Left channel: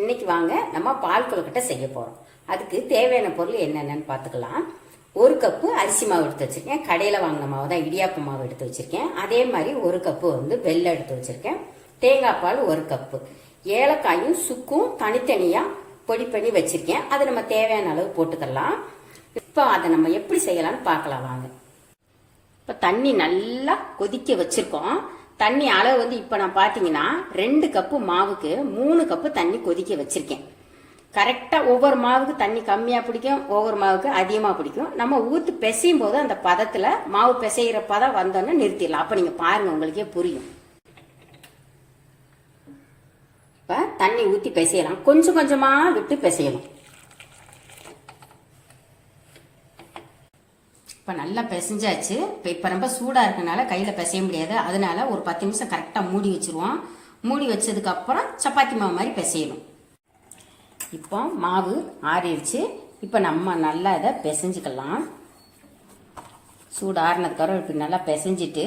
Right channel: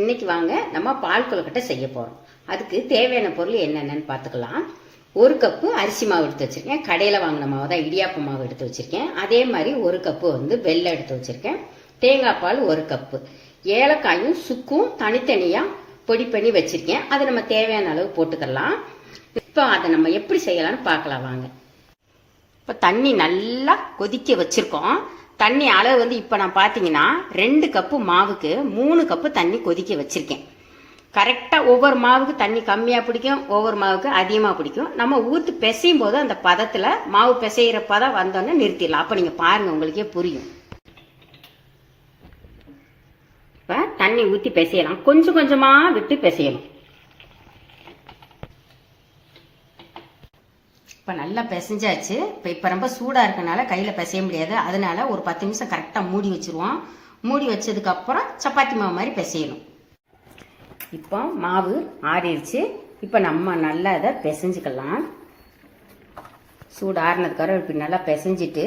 இன்னைக்கு வாங்க நம்ம பால் கொழுக்கட்டை செய்ய போகிறோம் அதுக்கு தேவையான பொருள் என்னென்னு பார்த்துக்கலாம். ஒரு கப்பு அரிசி மாவு எடுத்து வச்சுருக்கேன். கடையில் வாங்கின மாவு தான் இடியாப்பு மாவு எடுத்து வச்சுருக்கேன். அதே மாதிரி ஒரு கப்பு வந்து வெள்ளை எடுத்து வச்சுருக்கேன். தேங்காய் பால் ஒரு கப்பு. ஏலக்காயும் சுக்கும் தனித்தனியாக பொடி பண்ணி வச்சுருக்கேன். அதை நம்ம தேவையான அளவு போட்டுக்கலாம். இப்போ அதை நம்ம எப்படி செய்யலாம்னு பார்க்கலாம் வாங்க. இப்போ தண்ணி நல்லா கொதிக்க வச்சுருக்கோம். தண்ணி அளவு வந்து இப்போ நான் பார்த்தீங்கன்னா ரெண்டு கப்பு மாவுக்கு மூணு கப்பு தண்ணி கொதிக்க வச்சுருக்கேன். கரெக்டாக ஒவ்வொரு மாவுக்கு தண்ணி கம்மியாக பிடிக்கும் ஒவ்வொரு மாவுக்கு அதிகமாக பிடிக்கும். நம்ம ஊற்று பிசையும் போது அந்த பதத்தில் மாவு பிசைகிற பதம் வந்தோன்னே நிறுத்திடலாம். அப்போ நீங்கள் பாருங்கள் உங்களுக்கே புரியும். இப்போ தண்ணி ஊற்றி பிசையலாம். கொஞ்சம் கொஞ்சமாக விட்டு பிசையணும். இப்போ நல்லா பிசைஞ்சாச்சு. இப்போ இப்போ ரொம்ப சூடாக இருக்கனால கையில் பிசைய முடியாது. அதனால ஒரு பத்து நிமிஷம் கரெக்டாக மூடி வச்சிருவோம். மூடி வச்சதுக்கப்புறம் சப்பாத்தி மாவு மாதிரி பிசையணும். இப்போ மாவு ஆறிடுச்சு. இப்போ நம்ம நல்லா இதை பிசைஞ்சுக்கலாம். சூடு ஆறினதுக்கப்புறம் இப்படி நல்லா பிசைஞ்சிட்டு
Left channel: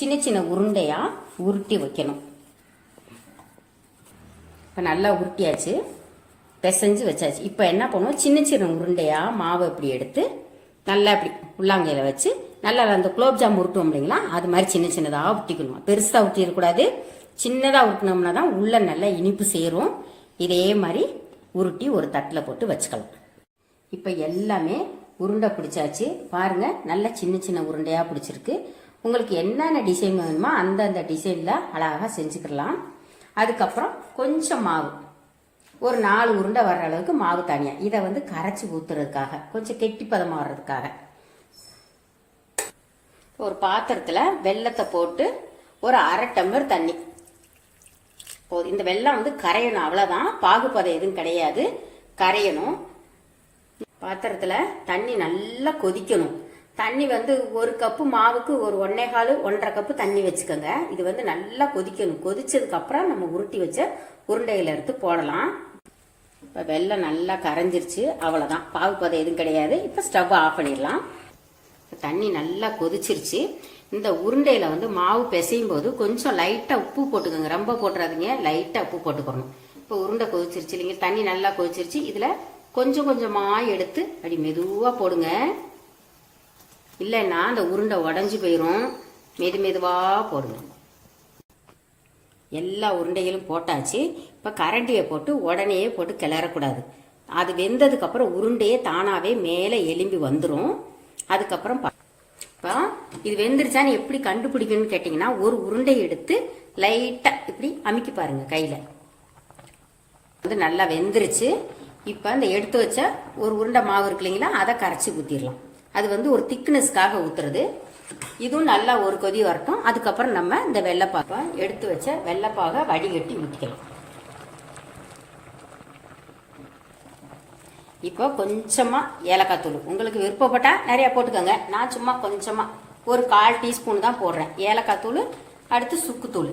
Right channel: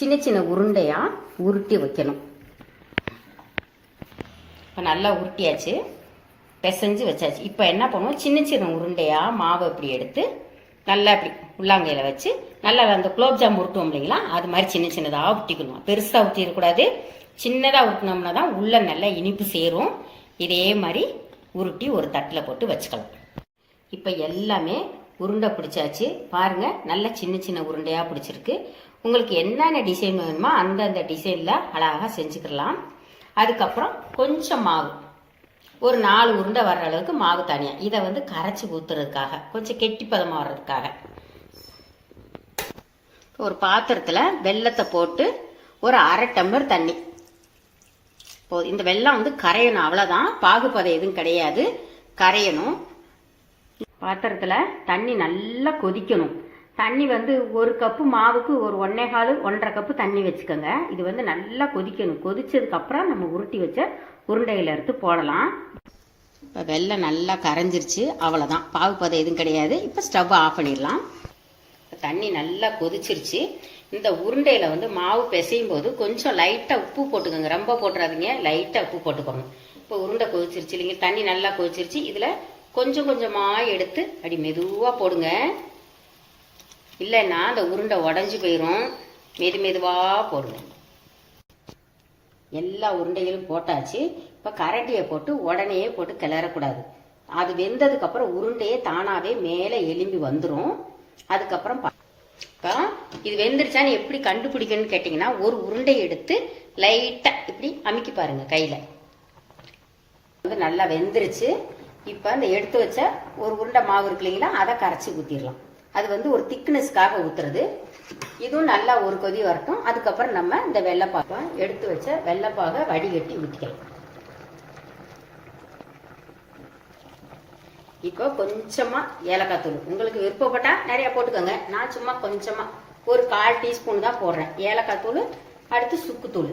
சின்ன சின்ன உருண்டையாக உருட்டி வைக்கணும். இப்போ நல்லா உருட்டியாச்சு. பிசைஞ்சு வச்சாச்சு. இப்போ என்ன பண்ணுவோம்? சின்ன சின்ன உருண்டையாக மாவை இப்படி எடுத்து நல்லா இப்படி உள்ளாங்கையில் வச்சு நல்லா அந்த குலோப்ஜாம் உருட்டுவோம் இல்லைங்களா? அது மாதிரி சின்ன சின்னதாக உருட்டிக்கணும். பெருசாக உருட்டிடக்கூடாது. சின்னதாக உருட்டினோம்னா தான் உள்ள நல்லா இனிப்பு சேரும். இதே மாதிரி உருட்டி ஒரு தட்டில் போட்டு வச்சுக்கலாம். இப்போ எல்லாமே உருண்டை பிடிச்சாச்சு. பாருங்கள் நல்ல சின்ன சின்ன உருண்டையாக பிடிச்சிருக்கு. உங்களுக்கு என்னென்ன டிசைன் வேணுமோ அந்தந்த டிசைனில் அழகாக செஞ்சுக்கலாம் அதுக்கப்புறம் கொஞ்சம் மாவு. ஒரு நாலு உருண்டை வர்ற அளவுக்கு மாவு தனியாக இதை வந்து கரைச்சி ஊற்றுறதுக்காக கொஞ்சம் கெட்டி பதமாக வர்றதுக்காக. ஒரு பாத்திரத்தில் வெள்ளத்தை போட்டு ஒரு அரை டம்ளர் தண்ணி. இப்போ இந்த வெள்ளம் வந்து கரையணும் அவ்வளோதான் பாகுபதம் எதுவும் கிடையாது. கரையணும். பாத்திரத்தில் தண்ணி நல்லா கொதிக்கணும். தண்ணி வந்து ஒரு கப்பு மாவுக்கு ஒரு ஒன்னே கால் ஒன்றரை கப்பு தண்ணி வச்சுக்கோங்க. இது வந்து நல்லா கொதிக்கணும். கொதிச்சதுக்கப்புறம் நம்ம உருட்டி வச்ச உருண்டையில் எடுத்து போடலாம். இப்போ வெள்ளம் நல்லா கரைஞ்சிருச்சு. அவ்வளோதான் பாகுபதம் எதுவும் கிடையாது. இப்போ ஸ்டவ் ஆஃப் பண்ணிடலாம். தண்ணி நல்லா கொதிச்சிருச்சு. இந்த உருண்டையில் வந்து மாவு பிசையும் போது கொஞ்சம் லைட்டாக உப்பு போட்டுக்கோங்க. ரொம்ப போட்டுறாதீங்க. லைட்டாக உப்பு போட்டுக்கணும் இப்போ உருண்டை கொதிச்சிருச்சு இல்லைங்க? தண்ணி நல்லா கொதிச்சிருச்சு. இதில் கொஞ்சம் கொஞ்சமாக எடுத்து அப்படி மெதுவாக போடுங்க. இல்லைன்னா அந்த உருண்டை உடஞ்சி போயிடும் மெது மெதுவாக போடுவோம். எல்லா உருண்டைகளும் போட்டாச்சு. இப்போ கரண்டியை போட்டு உடனே போட்டு கிளறக்கூடாது. அது வெந்ததுக்கப்புறம் உருண்டையே தானாகவே மேலே எலும்பி வந்துடும் அதுக்கப்புறம் இப்போ இது வெந்துருச்சான்னு எப்படி கண்டுபிடிக்கணும்னு கேட்டிங்கன்னா ஒரு உருண்டை எடுத்து லைட்டாக இப்படி அமுக்கி பாருங்கள் கையில். வந்து நல்லா வெந்துருச்சு. இப்போ அந்த எடுத்து வச்ச ஒரு உருண்டை மாவு இருக்கு இல்லைங்களா அதை கரைச்சி ஊற்றிடலாம் அது வந்து ஒரு திக்னஸ்க்காக ஊத்துறது. இதுவும் நல்லா ஒரு கொதி வரட்டும். அதுக்கப்புறம் நம்ம இந்த வெள்ளைப்பாப்பை எடுத்து வச்ச வெள்ளைப்பாக வடிகட்டி ஊற்றிக்கலாம் இப்போ கொஞ்சமாக ஏலக்காய் தூள். உங்களுக்கு விருப்பப்பட்டால் நிறையா போட்டுக்கோங்க. நான் சும்மா கொஞ்சமாக ஒரு கால் டீஸ்பூன் தான் போடுறேன். ஏலக்காய் தூள் அடுத்து சுக்குத்தூள்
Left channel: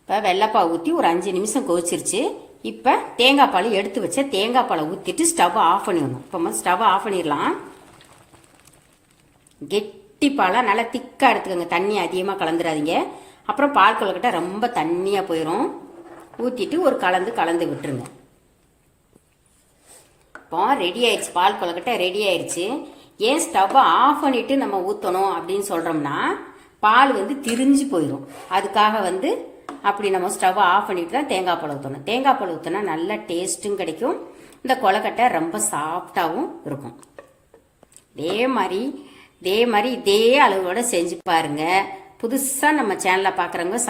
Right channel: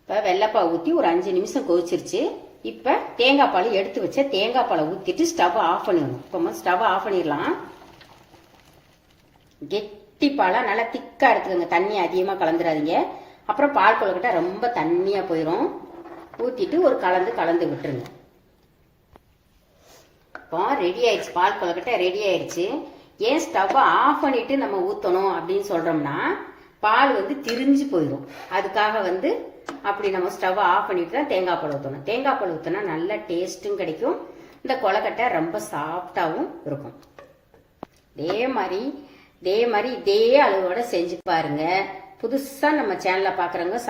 இப்போ வெள்ளைப்பால் ஊற்றி ஒரு அஞ்சு நிமிஷம் கொதிச்சிருச்சு. இப்போ தேங்காய் பால் எடுத்து வச்ச தேங்காய் பாலை ஊற்றிட்டு ஸ்டவ் ஆஃப் பண்ணிடணும் இப்போ ஸ்டவ் ஆஃப் பண்ணிடலாம். கெட்டி பாலாக நல்லா திக்காக எடுத்துக்கோங்க. தண்ணி அதிகமாக கலந்துடாதீங்க அப்புறம் பால் கொழுக்கட்டை ரொம்ப தண்ணியாக போயிடும் ஊற்றிட்டு ஒரு கலந்து கலந்து விட்டுருங்க. இப்போ ரெடி ஆயிடுச்சு. பால் கொழுக்கட்டை ரெடி ஆயிடுச்சு. ஏன் ஸ்டவ்வை ஆஃப் பண்ணிட்டு நம்ம ஊற்றணும் அப்படின்னு சொல்கிறோம்னா பால் வந்து திரிஞ்சு போயிடும் அதுக்காக வந்து அப்படி நம்ம ஸ்டவ் ஆஃப் பண்ணிட்டு தான் தேங்காய் பால் ஊற்றணும் தேங்காய் பால் ஊற்றினா நல்ல டேஸ்ட்டும் கிடைக்கும். இந்த கொலக்கட்டை ரொம்ப சாஃப்டாகவும் இருக்கும். இதே மாதிரி இதே மாதிரி இதே அளவோட செஞ்சு பாருங்க. புதுசா நம்ம சேனலை பாக்குறவங்க